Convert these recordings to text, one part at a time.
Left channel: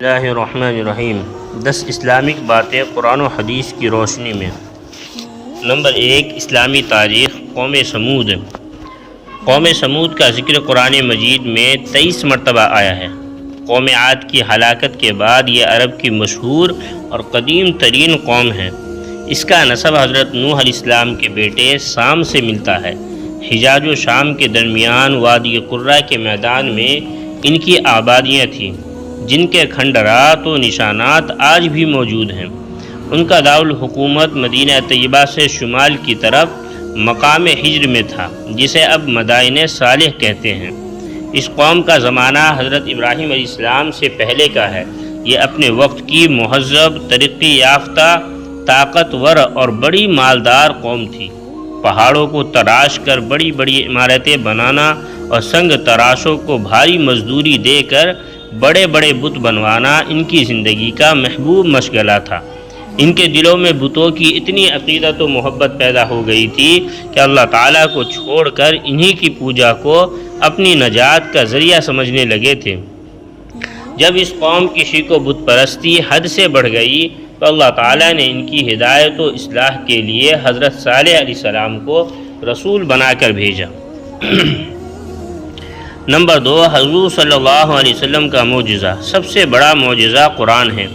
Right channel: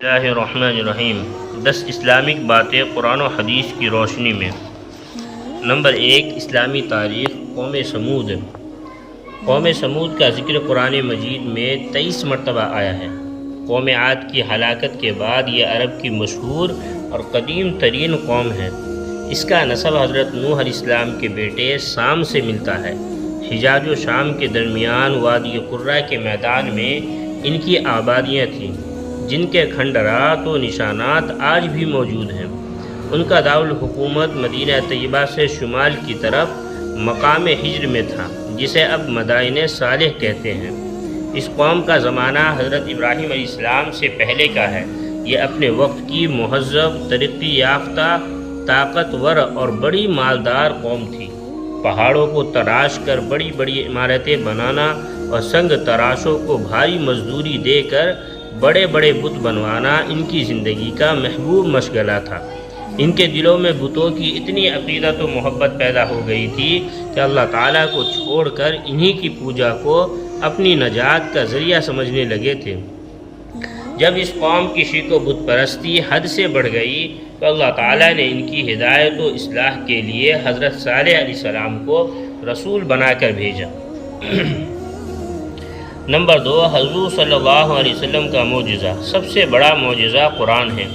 اللہ الرحمن الرحیم 10 اسلامک باتیں قرآن و حدیث کی روشنی میں۔ نمبر 1، اسلامی تاریخ۔ قوم سمود کا ذکر قرآن مجید میں 23 مرتبہ آیا ہے۔ قوم عاد کی ہلاکت کے بعد یہ عرب کی مشہور اور قدیم ترین قوم ہے۔ اس کا نسب حضرت نوح علیہ السلام کے بیٹے سام سے ملتا ہے۔ حجاز و شام کے درمیان وادی قرہ کے میدان میں ان کی آبادیاں تھیں، جن کے کھنڈرات و نشانات آج بھی موجود ہیں۔ ان کا دارالحکومت مدینہ طیبہ سے شمال کی طرف مقام ہجر میں تھا، جسے اب مدائن صالح کہتے ہیں۔ اس قوم کا زمانہ حضرت ابراہیم علیہ السلام سے پہلے کا ہے۔ یہ اپنے وقت کی مہذب، ترقی یافتہ، طاقتور اور بڑی مالدار قوم تھی۔ پہاڑوں کو تراش کر بڑی بڑی عمارتیں بنانا اور سنگ تراشوں کو بھاری مزدوری دے کر بڑے بڑے بت بنوانا ان کی زندگی کا محبوب مشغلہ تھا۔ ان کے دلوں میں بتوں کی اتنی عقیدت و محبت پیدا ہو گئی تھی کہ اللہ تعالیٰ کو چھوڑ کر انہی کی پوجا کو اپنی نجات کا ذریعہ سمجھنے لگے تھے۔ جب اس قوم کی شرک و بت پرستی حد سے بڑھ گئی تو اللہ تعالیٰ نے ان کی ہدایت و اصلاح کے لیے حضرت صالح علیہ السلام کو رسول بنا کر بھیجا۔ نمبر 2، حضور صلی اللہ علیہ وسلم کا معجزہ۔ سب سے بڑا معجزہ قرآن ہے۔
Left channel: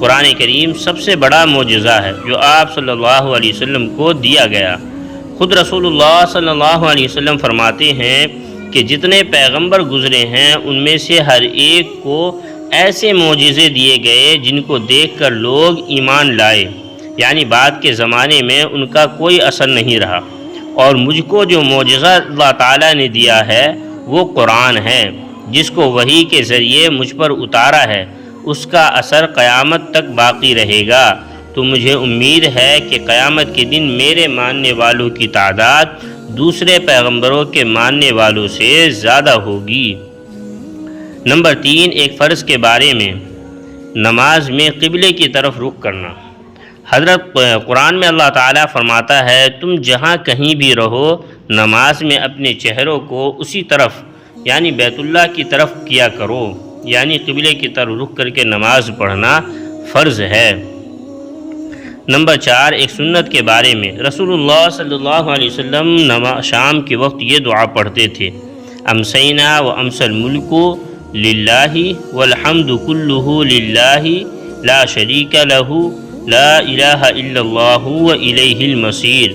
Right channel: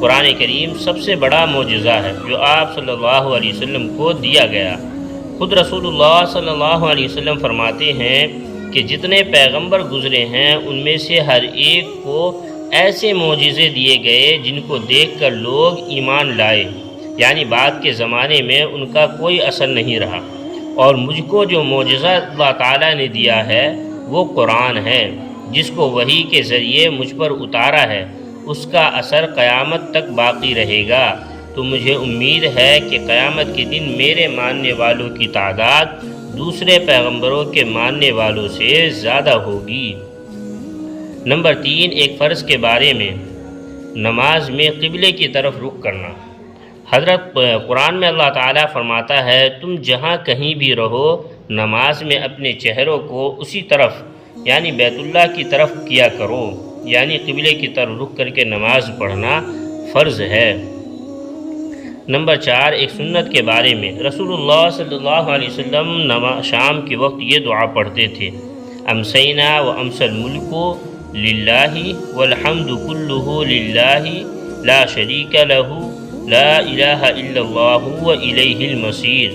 قرآن کریم سب سے بڑا معجزہ ہے جو آپ صلی اللہ علیہ وسلم کو دیا گیا۔ خود رسول اللہ صلی اللہ علیہ وسلم فرماتے ہیں کہ جتنے پیغمبر گزرے ہیں ان میں سے ہر ایک کو ایسے معجزے دیے گئے جن کو دیکھ کر لوگ ایمان لائے، یعنی بعد کے زمانے میں ان کا کوئی اثر نہیں رہا۔ اور مجھ کو جو معجزہ اللہ تعالیٰ نے دیا ہے وہ قرآن ہے، جس کو وحی کے ذریعے مجھ پر اتارا ہے۔ اس کا اثر قیامت تک باقی رہے گا، تو مجھے امید ہے کہ قیامت کے دن میرے ماننے والوں کی تعداد دوسرے پیغمبروں کے ماننے والوں سے زیادہ ہوگی۔ نمبر 3، ایک فرض کے بارے میں۔ نماز میں قبلے کی طرف رخ کرنا۔ حضرت قرآن میں اللہ تعالیٰ فرماتا ہے، تم جہاں کہیں بھی رہو نماز میں اپنے چہروں کو اسی طرف یعنی بیت اللہ کی طرف کیا کرو، یعنی قبلے کی طرف رخ کر کے نماز پڑھنا فرض ہے۔ نمبر 4، ایک سنت کے بارے میں۔ رسول اللہ صلی اللہ علیہ وسلم شام کے وقت یہ دعا پڑھتے تھے، امسینا و امس الملک للہ والحمد کلہ للہ لا شریک لہ لا الہ الا اللہ و الیہ المصیر،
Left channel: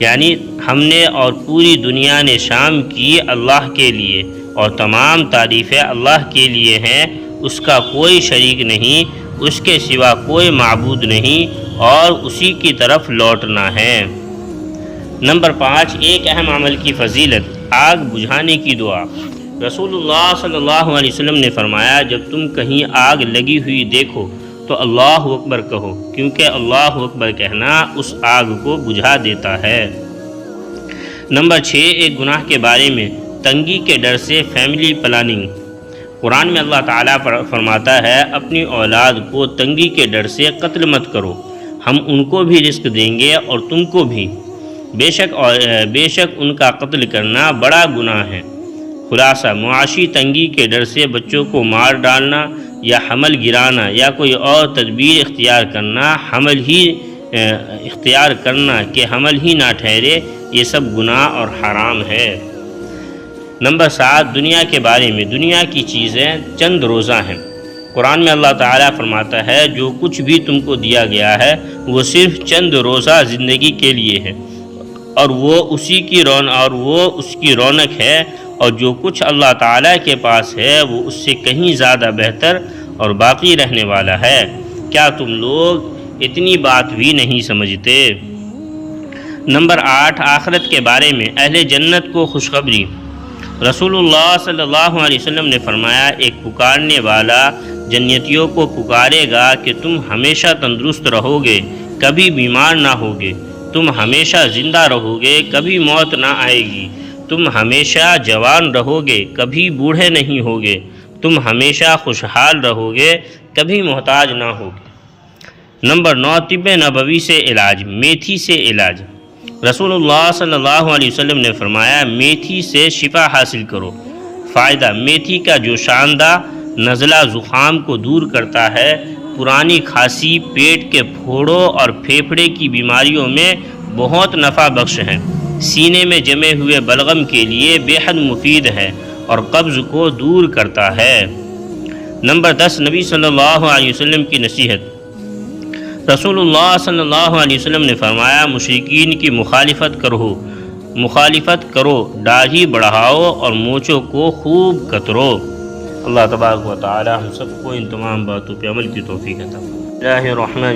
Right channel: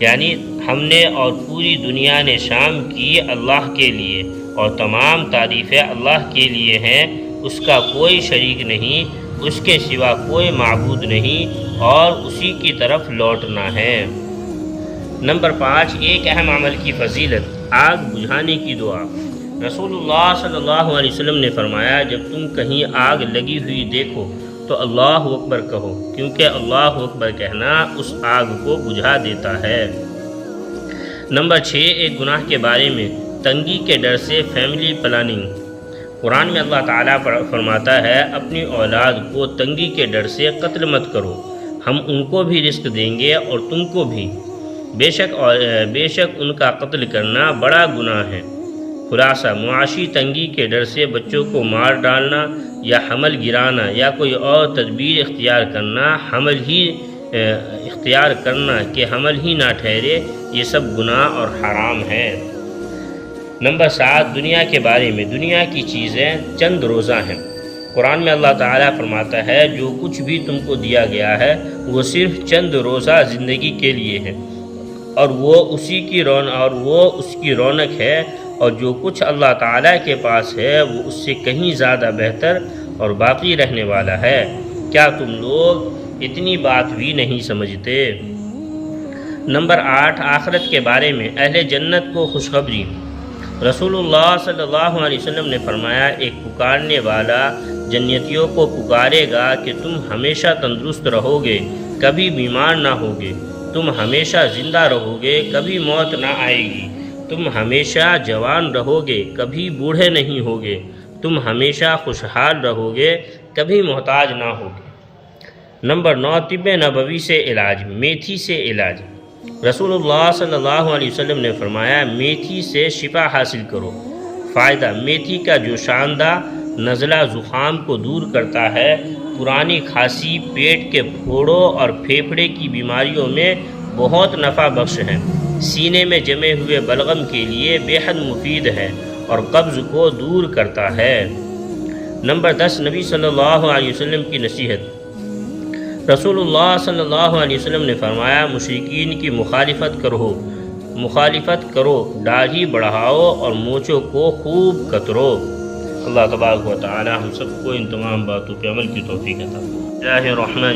یعنی ہم نے اور پوری دنیا نے شام کی اللہ کے لیے، اور تمام تعریفیں اللہ کے لیے ہیں، اس کا کوئی شریک نہیں، اس کے سوا کوئی معبود نہیں، اور اسی کی طرف لوٹنا ہے۔ نمبر 5، ایک اہم عمل کی فضیلت، آگ بجھانے کی دعا۔ رسول اللہ صلی اللہ علیہ وسلم نے فرمایا، جب تم کہیں آگ لگی ہوئی دیکھو تو اللہ اکبر کہو، کیونکہ اللہ اکبر کہنا اس آگ کو بجھا دیتا ہے۔ نمبر 6، ایک گناہ کے بارے میں۔ تنگی کے ڈر سے فیملی پلاننگ۔ قرآن میں اللہ تعالیٰ فرماتا ہے، اپنی اولاد کو تنگی کے ڈر سے قتل مت کرو، ہم ان کو بھی رزق دیں گے اور تم کو بھی، بے شک ان کا قتل کرنا بڑا گناہ ہے۔ خلاصہ، معاشی تنگی کے ڈر سے بچوں کو مار ڈالنا یا حمل گرانا یا کوئی اور تدبیر اختیار کرنا کہ حمل ہی نہ ٹھہرے، یہ سب گناہ اور حرام ہے۔ نمبر 7، دنیا کے بارے میں۔ دنیا کی چیزیں چند روزہ ہیں۔ قرآن میں اللہ تعالیٰ فرماتا ہے، جو کچھ بھی تم کو دیا گیا ہے وہ صرف چند روزہ زندگی کے لیے ہے، اور وہ اس کی رونق ہے، اور جو کچھ اللہ تعالیٰ کے پاس ہے وہ اس سے کہیں زیادہ بہتر اور باقی رہنے والا ہے۔ کیا تم لوگ اتنی بات بھی نہیں سمجھتے؟ نمبر 8، آخرت کے بارے میں۔ اہل جنت کو خوشخبری۔ رسول اللہ صلی اللہ علیہ وسلم نے فرمایا، ایک پکارنے والا جنتیوں کو پکارے گا کہ تم ہمیشہ تندرست رہو گے، کبھی بیمار نہ ہوگے، تم ہمیشہ زندہ رہو گے، کبھی موت نہ آئے گی، تم ہمیشہ جوان رہو گے، کبھی بوڑھے نہیں ہوگے، تم ہمیشہ خوشحال رہو گے، کبھی محتاج نہ ہوگے۔ نمبر 9، طب نبوی سے علاج۔ میتھی سے علاج۔ رسول اللہ صلی اللہ علیہ وسلم نے فرمایا، میتھی سے شفا حاصل کرو۔ فائدہ، میتھی کا جو شاندہ نزلہ زکام کو دور کرتا ہے، پرانی کھانسی، پیٹ کے پھوڑوں اور پھیپھڑے کی بیماریوں میں بہت نفع بخش ہے، سینے میں جمے ہوئے بلغم کے لیے بے حد مفید ہے اور قبض کو دور کرتا ہے۔ نمبر 10، نبی صلی اللہ علیہ وسلم کی نصیحت۔ رسول اللہ صلی اللہ علیہ وسلم نے فرمایا، مشرکین کی مخالفت کرو، داڑھی بڑھاؤ اور مونچھوں کو خوب کترو۔ اللہ تبارک و تعالی ہم سب کو ان تمام باتوں پہ عمل کی توفیق عطا فرمائے۔